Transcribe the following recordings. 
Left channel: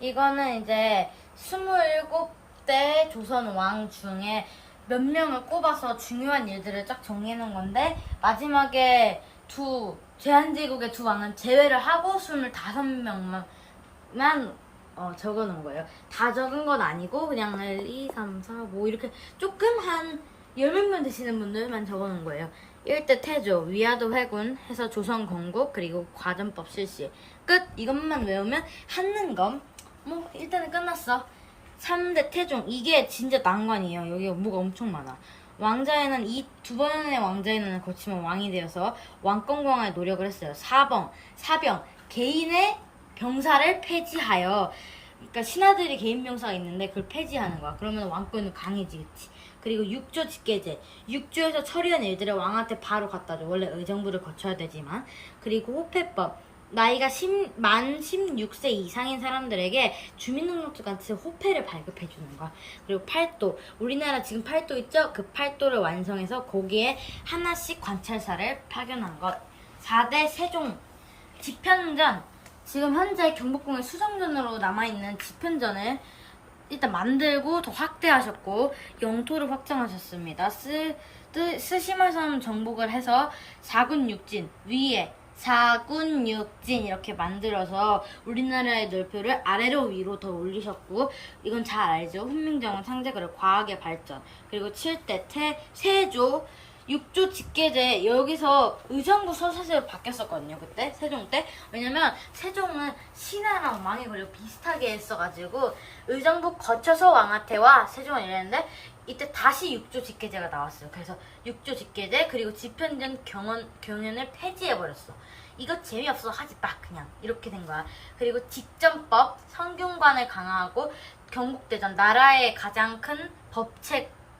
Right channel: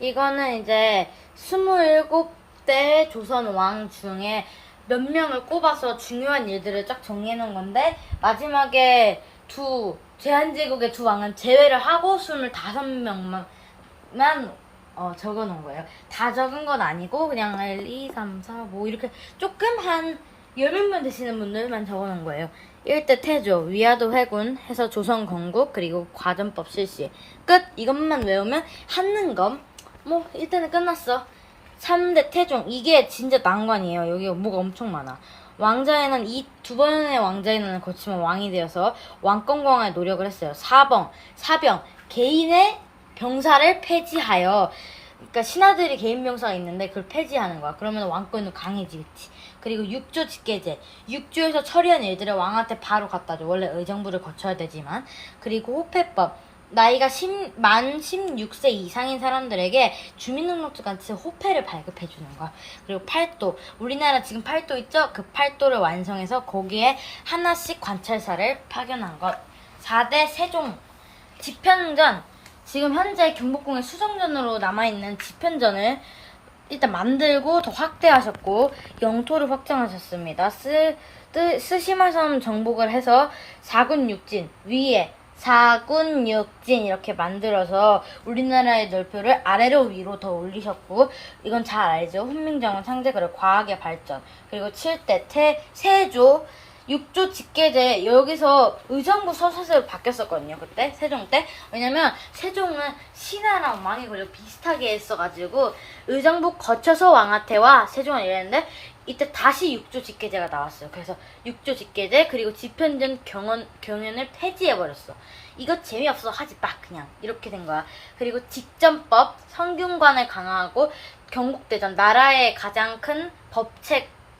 이거는 이제 27대 조선 왕 중에 몇 명을 꼽아서 중요한 일들을 쫙 정리해놓은 건데, 마지막에 제한제국의 두 왕은 제외를 하고 25명만 적어놓은 거예요. 다 적은 건 아니고 그냥 1, 2, 3, 4, 뭐 이렇게 조금 한 10명 되시는 분들만 적어놓은 거예요. 1대 태조, 위화도 회군 해서 조선 건국, 그리고 과전법 실시. 끝! 이것만 외우면 한능검. 뭐 일단은 끝났어. 3대 태종. 이게 진짜 난관이에요. 여기 업무가 엄청 많아. 왕자에는 이 두 번의 왕자에는 거치면 왕이 되어서 왕권 강화에 노력을 했어요. 사병. 개인의 병사를 폐지하여, 그러니까 신하들이 개인 병사가 있는데 그걸 폐지하는 거야. 그러면 왕권도 강해지겠지. 그리고 육조 직계제. 육조에서 처리한 일들을 왕한테 바로 갖다 줘. 원래 의정부를 거쳐야 되지만. 그리고 호패법. 나이가 만 16세 이상인 사람들에게 주민등록증같이 호패를 발급해 주는 거야. 그리고 팔도. 우리나라 지금 팔도 있죠? 그 팔도를 완성해서 거기에 하나씩 관찰사를 파견한 것. 4대 세종. 집현전. 지금 현재 경복궁의 수정전으로 남아있는 집현전을 일단 만들고 더 확대하셨고 영토를 확장하셨습니다. 스시마섬 정복을 해서 4군 6진 위에 4군 6진 이렇게 만들어서 우리나라의 넓이를 아래로 위로 더 올리셨고, 이건 잘 알죠? 훈민정음 상제, 그리고 과학의 발전. 그리고 7대 세조 6조 직계제. 여기서 의정부 서사제로 바뀌었었거든요, 그때 세종 때. 왜냐면 세종은 신하랑 왕이 그리고 비슷하게 했어가지고 의정부 거쳐서 왕하태와 세종을 이랬는데, 이때 다시 6조 직계제가 나왔어요. 그래서 6조 직계제, 그리고 집현전 경연을 폐지해버렸어. 이거 재미없어, 하지 마, 그냥. 이렇게 된 거야. 그리고 직전법, 성균관을 강화하고 경국대전, 나라의 가장 큰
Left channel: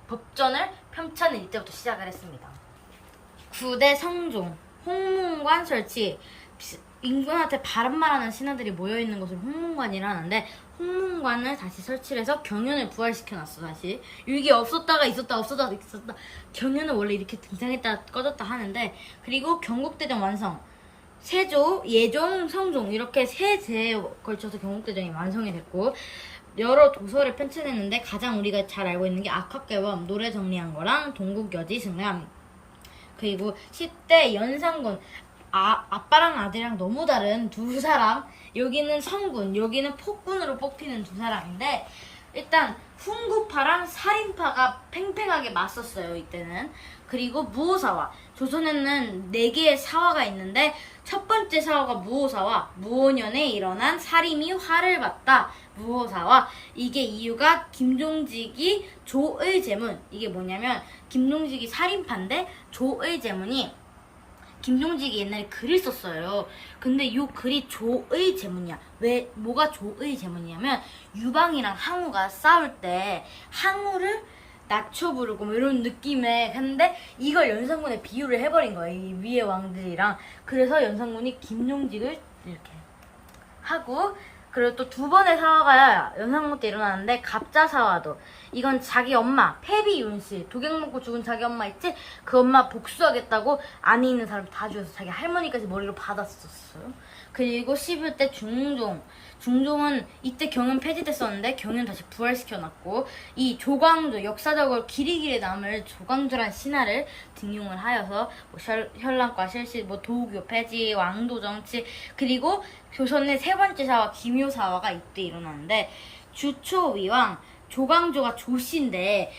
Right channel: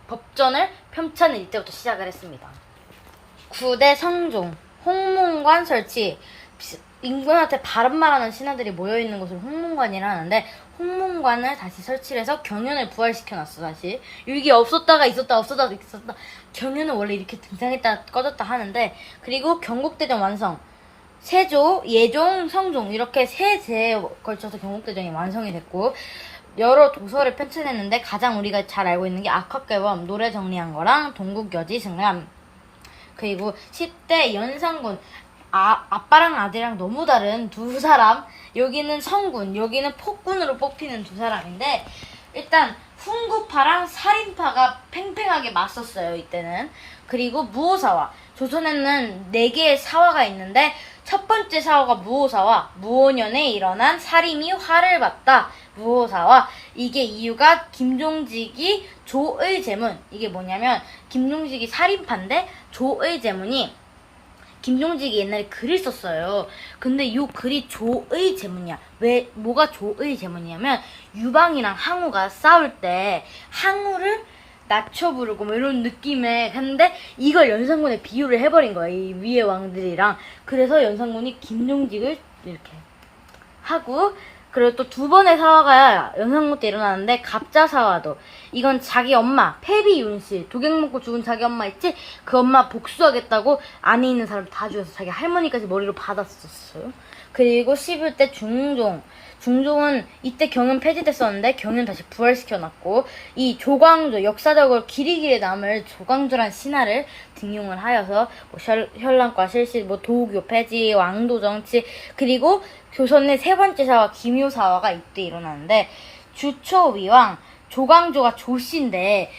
법전을 펼쳐는 이때부터 시작을 했습니다. 9대 성종, 홍문관 설치. 임금한테 바른 말하는 신하들이 모여있는 곳을 홍문관이라 하는데, 홍문관을 다시 설치를 해서 경연을 부활시켜놨어. 다시 이게 없었다가 있었다, 없었다가 있었다. 경연은 원래 이렇게 등장했다 꺼졌다 하는데, 그리고 경국대전 완성. 세조, 예종, 성종 이렇게 세 제에 걸쳐서 경국대전이 완성이 됐고, 여러 도서를 편찬했는데 가장 우리가 잘 알고 있는 게 악학개범, 노래 정리한 거랑 동국여지 승람. 그리고 10대 연산군. 아빠랑 아들이랑 너무 다른 두 사람. 여기는 성군, 여기는 폭군으로 뽑히는 두 사람인데, 일단 훈구파랑 살인파가 팽팽하게 맞섰어요, 이때는. 그리고 무오사화. 조선에는 4개의 사화가 있는데, 첫 번째 사화가 무오사화. 무오년에 일어난 살인이 화를 봤다. 무오사화. 이게 이유가 김종직이 조의제문. 이게 뭐냐면 김종직이 살인파인데 조의제문이, 김종직이 옛날에 글을 썼어요. 근데 이 글이 조의제문이야. 뭐가 조의제문이냐면, 유방이랑 항우가 싸울 때 항우를 낮춰 부르고 뭐 이런 느낌의, 근데 이걸 연산군에 비유를 해버린 거야, 이 위의 왕들이랑. 그래서 연산군이 김종직을 이렇게 하고, 그리고 또 두 번의 사화가 연산군 때 일어나는데, 갑자사화도. 이건 자기 엄마 패비 윤씨, 독약 먹고 죽은 자기 엄마 있지? 그 엄마 복수하겠다고 안에 있는 사람 다 죽여서 자기 할머니까지 머리로 받았었어요. 그리고 11대 중종은 이때 경연 폐지됐었는데 경연 다시 부활시켜놨고, 이 조광조, 역사적으로 길이길이 남을 조광조란 신하를 등용을 하여서 뭐 현란과 실시, 뭐 도교 폐지, 왕도 정치. 그리고 조선의 세 번째 사화 김효사화가 이때 일어나는데, 주초위왕. 조광조가 조씨인데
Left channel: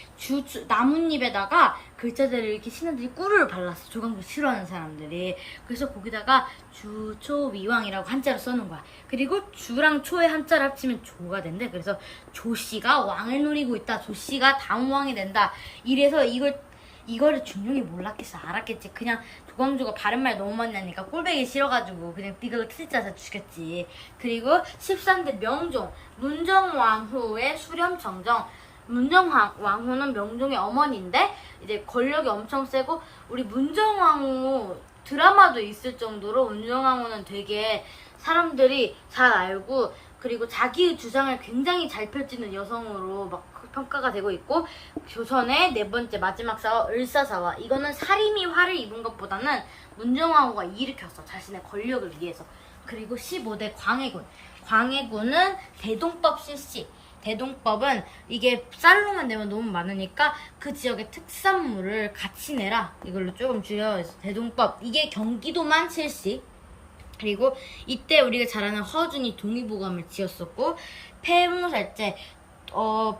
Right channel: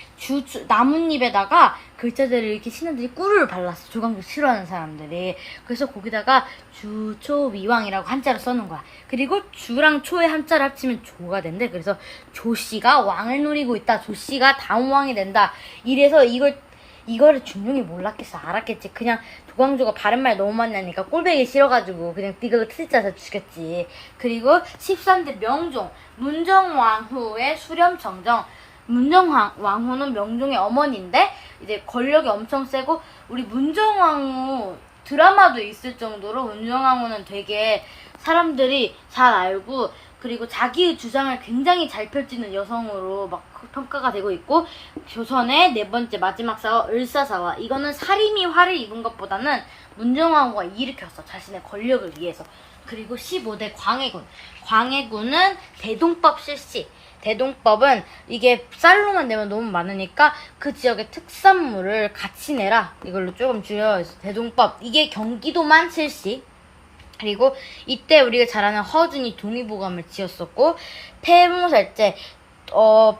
나뭇잎에다가 글자들을 이렇게 신하들이 꿀을 발랐어. 조광조 싫어하는 사람들이. 그래서 거기다가 주초위왕이라고 한자로 써놓은 거야. 그리고 주랑 초의 한자를 합치면 조가 된대. 그래서 조씨가 왕을 노리고 있다, 조씨가 다음 왕이 된다. 이래서 이거를 중종이 몰랐겠어, 알았겠지. 그냥 조광조가 바른 말 너무 많이 하니까 꼴배기 싫어가지고 그냥 이거 트집짜서 죽였지. 그리고 13대 명종. 문정왕후의 수렴청정. 문정왕후는 명종의 어머니인데 이제 권력이 엄청 세고, 우리 문정왕후 드라마도 있을 정도로 문정왕후는 되게 사람들이 잘 알고, 그리고 자기의 주장을 굉장히 잘 펼치는 여성으로 막 평가가 되고 있고, 조선의 네 번째 마지막 사화 을사사화. 이거는 살인이 화를 입은 것보다는 문정왕후가 일으켰어, 자신의 권력을 위해서. 그리고 15대 광해군. 광해군은 대동법 실시. 대동법은 이게 쌀로만 내면 너무 많으니까 그 지역의 특산물을 같이 내라. 이걸로 조금 줄여서 대동법. 이게 경기도만 실시. 그리고 이때 우리가 잘 아는 허준이 동의보감을 지었었고, 폐무살제,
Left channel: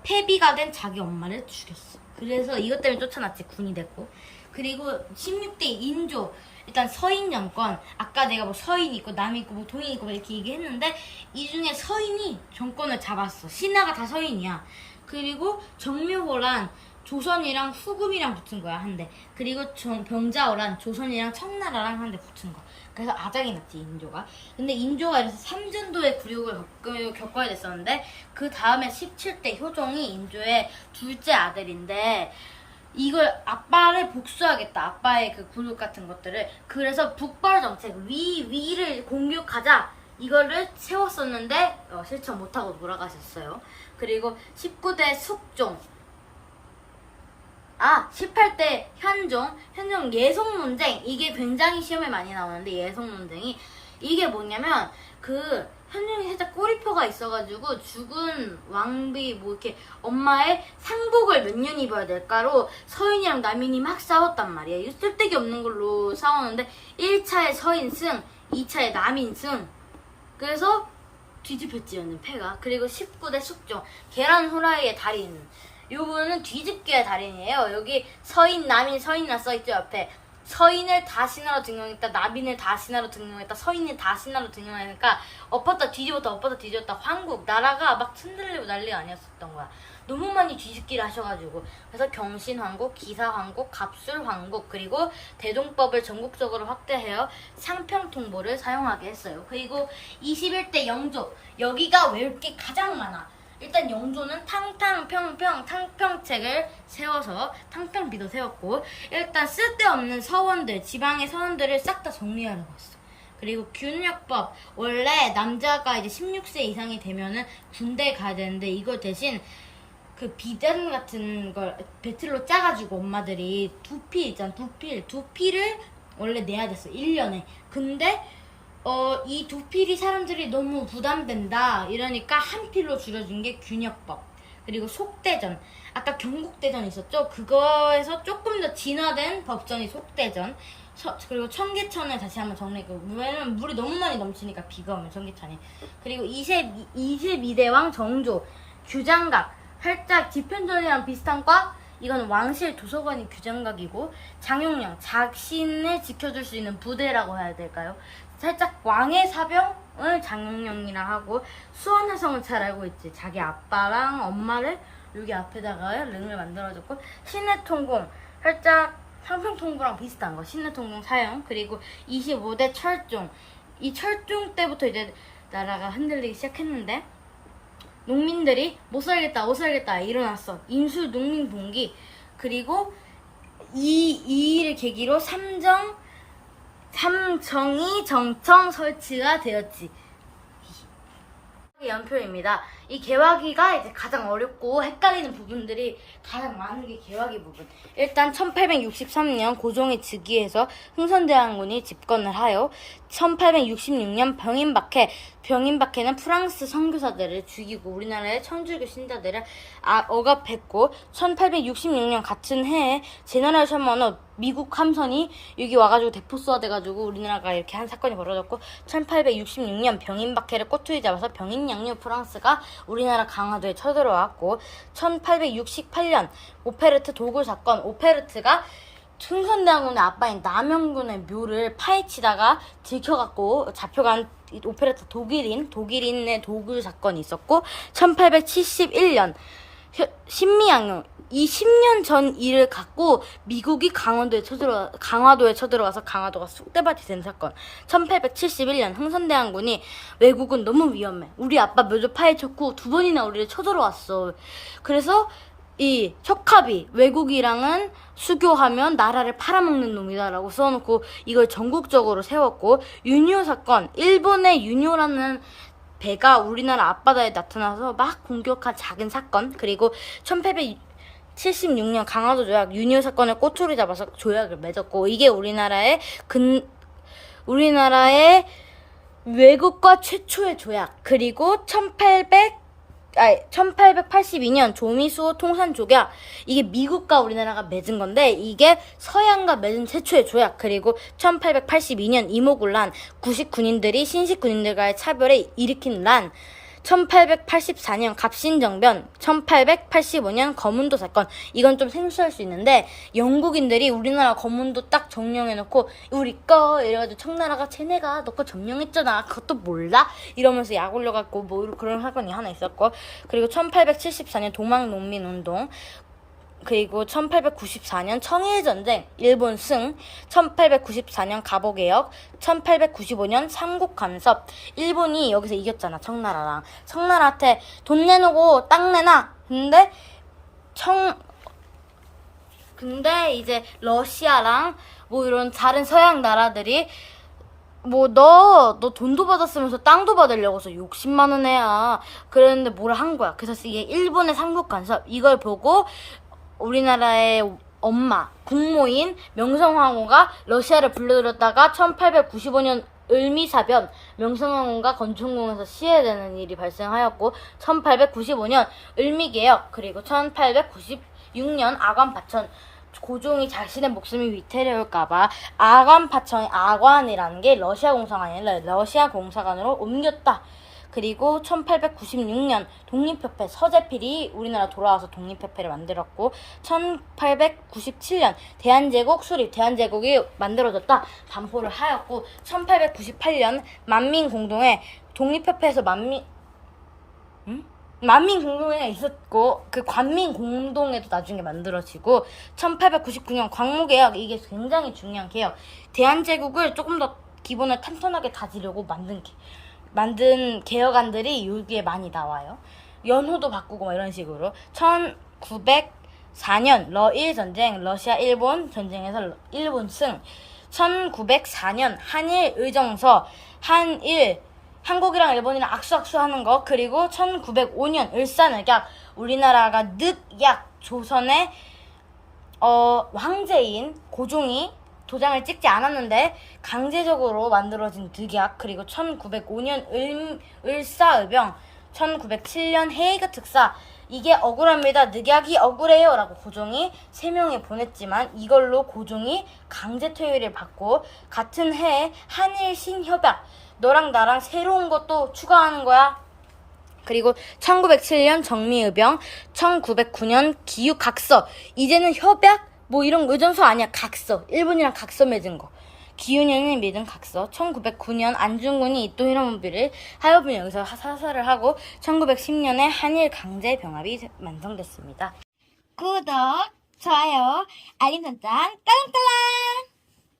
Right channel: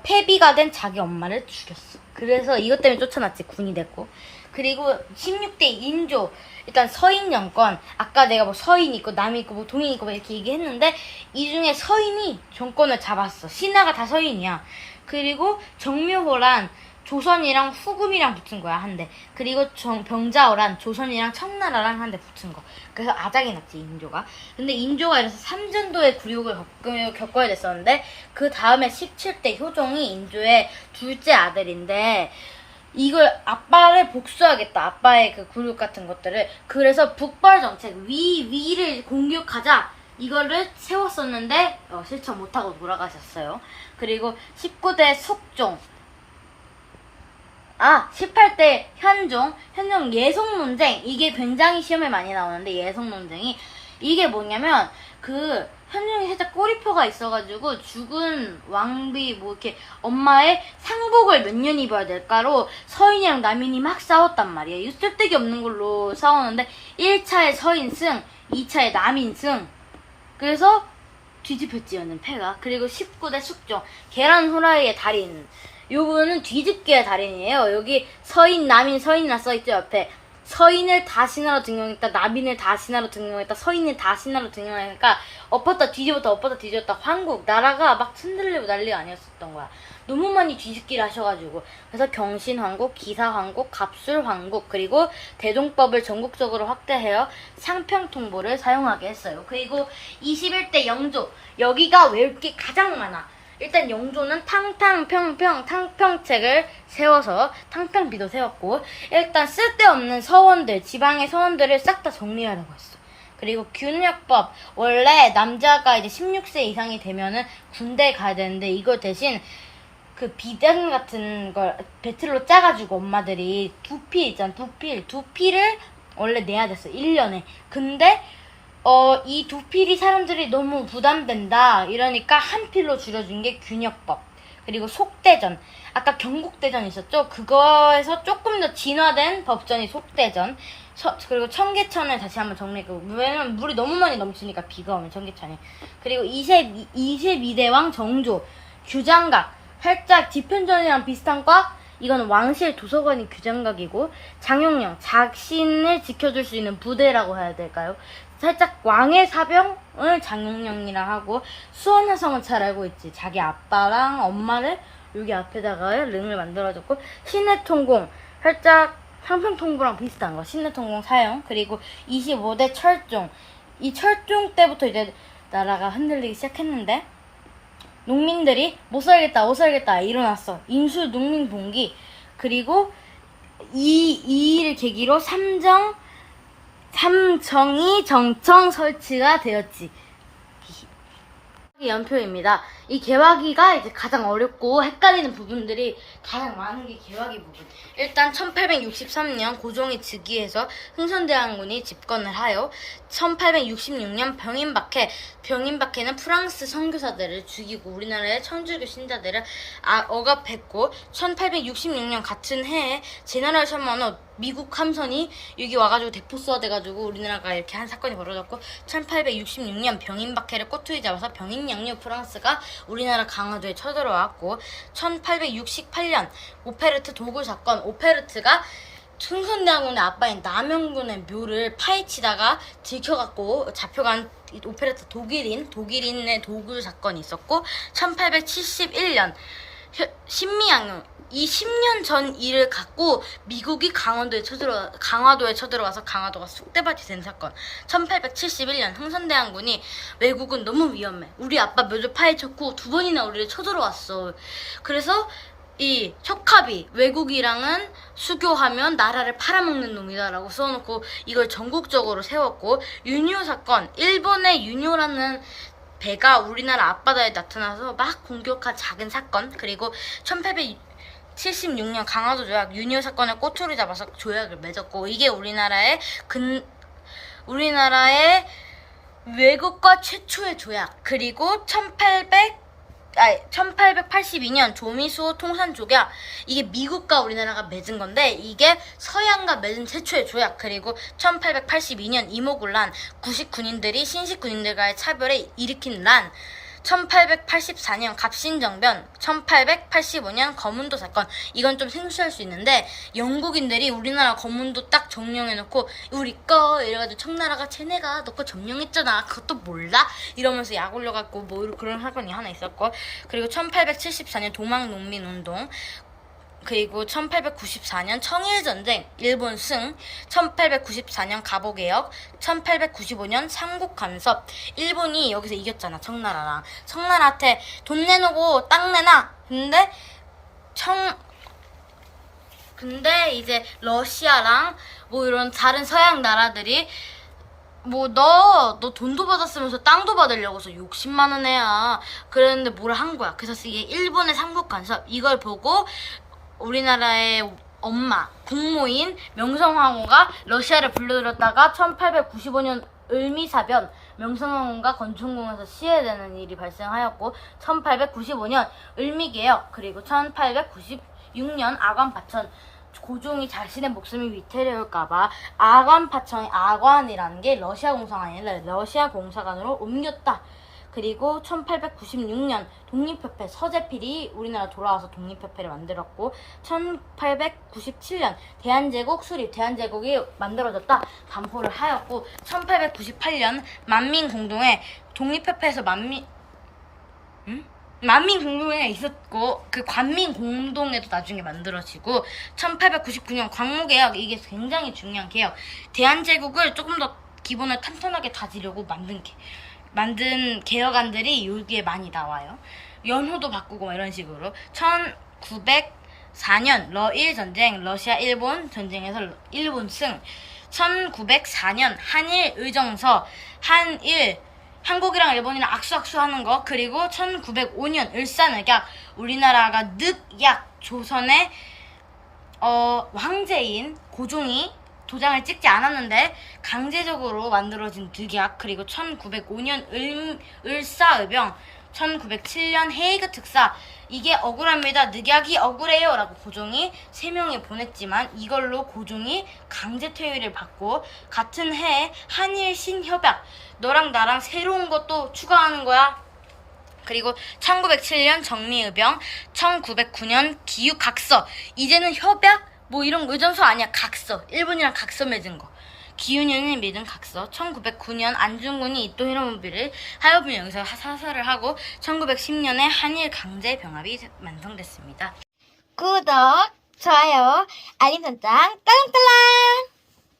폐비가 된 자기 엄마를 죽였어. 그래서 이것 때문에 쫓아났지, 군이 됐고. 그리고 16대 인조. 일단 서인 정권. 아까 내가 뭐 서인 있고 남이 있고 뭐 동인 있고 뭐 이렇게 얘기했는데, 이 중에 서인이 정권을 잡았어. 신하가 다 서인이야. 그리고 정묘호란 조선이랑 후금이랑 붙은 거야, 한대. 그리고 병자호란 조선이랑 청나라랑 한대 붙은 거. 그래서 아작이 났지, 인조가. 근데 인조가 이래서 삼전도의 굴욕을 겪어야 됐었는데, 그 다음에 17대 효종이 인조의 둘째 아들인데, 이걸 아빠를 복수하겠다. 아빠의 그 굴욕 같은 것들을. 그래서 북벌 정책, 위를 공격하자. 이거를 세웠었는데 실천 못하고 돌아가셨어요. 그리고 19대 숙종. 18대 현종 예속 논쟁. 이게 굉장히 시험에 많이 나오는데, 예속 논쟁이 이게 뭐냐면, 그 현종이 살짝 꼬리표가 있어가지고 죽은 왕비 뭐 이렇게 엄마의 상복을 몇 년 입어야 될까로 서인이랑 남인이 막 싸웠단 말이에요. 쓸데기 없는 걸로 싸우는데 1차에 서인 승, 2차에 남인 승. 그래서 뒤집혔지, 얘는 패가. 그리고 19대 숙종, 계란 후라이의 달인. 요거는 뒤집기의 달인이에요. 여기 서인, 남인, 서인이라 써있죠, 옆에. 서인을 다 신하로 등용했다, 남인을 다 신하로 등용했다, 서인을 다 신하로 등용하니까 엎었다 뒤집었다 엎었다 뒤집었다. 황국 나라가 막 흔들리고 난리가 아니었던 거야. 너무 많이 뒤집기를 하셔가지고. 그래서 경신황국, 기사황국, 갑술황국, 그리고 대동법을 전국적으로 확대하여 상평통보를 사용하게 했어요. 그리고 21대 영조. 여기가 외울 게 가장 많아. 일단 영조는 탕평책을 세워서 탕평비도 세웠고, 일단 쓸데없는 서원들, 지방의 서원들을 싹 다 정리하려고 했어. 그리고 균역법. 원래 남자가 이제 16세 이상이 되면은 군대에 가야 되는데, 이거 대신 그 비단 같은 걸 배틀로 짜가지고 엄마들이 두필 있잖아, 두필을 원래 내야 됐어, 1년에. 근데 이 두 필이 사람들이 너무 부담된다 이러니까 한 필로 줄여준 게 균역법. 그리고 속대전. 아까 경국대전 있었죠? 그거에서 조금 더 진화된 법전이 속대전. 그리고 청계천을 다시 한번 정리했고, 왜냐면 물이 너무 많이 넘치니까, 비가 오면 청계천이. 그리고 22대왕 정조. 규장각. 살짝 집현전이랑 비슷한 과. 이건 왕실 도서관이 규장각이고, 장영령, 자신을 지켜줄 수 있는 부대라고 해야 될까요? 살짝 왕의 사병을 장영령이라 하고, 수원화성은 잘 알고 있지. 자기 아빠랑 엄마를 여기 앞에다가 릉을 만들어줬고, 신해통공, 살짝 상평통보랑 비슷한 거, 신해통공 사용. 그리고 25대 철종. 이 철종 때부터 이제 나라가 흔들리기 시작했는데, 농민들이 못 살겠다 일어났어. 인수 농민 봉기. 그리고 이 일을 계기로 삼정이 정청 설치가 되었지. 연표입니다. 이 개화기가 이제 가장 어렵고 헷갈리는 부분들이 가장 많은 게 개화기 부분. 일단 1863년 고종이 즉위해서 흥선대원군이 집권을 하여 1866년 병인박해는 프랑스 선교사들을 죽이고 우리나라의 천주교 신자들을 억압했고, 1866년 같은 해에 제너럴 서머너 미국 함선이 여기 와가지고 대포수화 돼가지고 우리나라가 이렇게 한 사건이 벌어졌고, 1866년 병인박해를 꼬투리 잡아서 병인양류 프랑스가 우리나라 강화도에 쳐들어왔고, 1868년 오페르트 도굴 사건. 오페르트가 흥선대원군의 아빠인 남영군의 묘를 파헤치다가 들켜갖고 잡혀간 오페르트 독일인의 도굴 사건이 있었고, 1871년 신미양요. 이 10년 전 일을 갖고 미국이 강화도에 쳐들어가서 강화도가 쑥대밭이 된 사건. 1871년 흥선대원군이 외국은 너무 위험해, 우리 아빠 묘를 파헤쳤고 2번이나 우리를 쳐들어왔어. 그래서 이 척합이 외국이랑은 수교하면 나라를 팔아먹는 놈이다라고 써놓고 이걸 전국적으로 세웠고, 유뇨 사건. 일본의 유뇨라는 배가 우리나라 앞바다에 나타나서 막 공격한 작은 사건. 그리고 1876년 강화도 조약, 유뇨 사건을 꼬투리 잡아서 조약을 맺었고, 이게 우리나라의 외국과 최초의 조약, 그리고 1882년 조미수 통산조약. 이게 미국과 우리나라가 맺은 건데 이게 서양과 맺은 최초의 조약. 그리고 1882년 이모군란, 99인들이 신식군인들과의 차별을 일으킨 란, 1884년 갑신정변, 1885년 거문도 사건. 이건 좀 생소할 수 있는데 영국인들이 우리나라 거문도 딱 점령해놓고 우리 거 이래가지고 청나라가 쟤네가 너 거 점령했잖아 그것도 몰라? 이러면서 약 올려갖고 뭐 그런 사건이 하나 있었고, 그리고 1874년 동학농민운동, 그리고 1894년 청일전쟁, 일본 승, 1894년 갑오개혁, 1895년 삼국간섭. 일본이 여기서 이겼잖아, 청나라랑. 청나라한테 돈 내놓고 땅 내놔. 근데 이제 러시아랑 뭐 이런 다른 서양 나라들이 뭐 너 돈도 받았으면서 땅도 받으려고 해서 욕심 많은 애야. 그랬는데 뭘 한 거야. 그래서 이게 일본의 삼국간섭. 이걸 보고 우리나라의 엄마, 국모인 명성황후가 러시아를 불러들였다가 1895년 을미사변, 명성황후가 건축공에서 시해되는 일이 발생하였고, 1895년 을미개혁, 그리고 1896년 아관파천. 고종이 자신의 목숨이 위태로울까봐 아관이라는 게 러시아 공사가 아니라 러시아 공사관으로 옮겼다. 그리고 1896년 독립협회, 서재필이 우리나라 돌아와서 독립협회를 만들었고, 1897년 대한제국 수립, 대한제국이 만들어졌다 반포를 하였고, 1898년 만민공동회, 독립협회에서 만민공동회가 있었고 그 관민공동회도 나중에 만들어지고, 1899년 광무개혁. 이게 굉장히 중요한 개혁. 대한제국을 조금 더 기본을 탄탄하게 다지려고 만든 개혁안들이 여기에 많이 나와요. 연호도 바꾸고 뭐 이런 식으로. 1904년 러일 전쟁, 러시아 일본 전쟁에서 일본 승. 1904년 한일 의정서, 한국이랑 일본이랑 악수악수 하는 거. 그리고 1905년 을사늑약, 우리나라가 늑약, 조선의 황제인 고종이 도장을 찍지 않았는데 강제적으로 만들어진 늑약. 그리고 1905년 을사의병, 1907년 헤이그 특사. 이게 억울합니다. 늑약이 억울해요 라고 고종이 3명에 보냈지만 이걸로 고종이 강제 퇴위를 받고, 같은 해에 한일 신협약, 너랑 나랑 새로운 것도 추가하는 거야. 그리고 1907년 정미의병, 1909년 기후각서. 이제는 협약 뭐 이런 의전서 아니야. 각서. 일본이랑 각서 맺은 거. 기훈현이 맺은 각서. 1909년 안중근이 이토 히로부미를 하여분 여기서 사살을 하고, 1910년에 한일 강제 병합이 완성됐습니다. 구독, 좋아요, 알림 설정, 딸랑딸랑!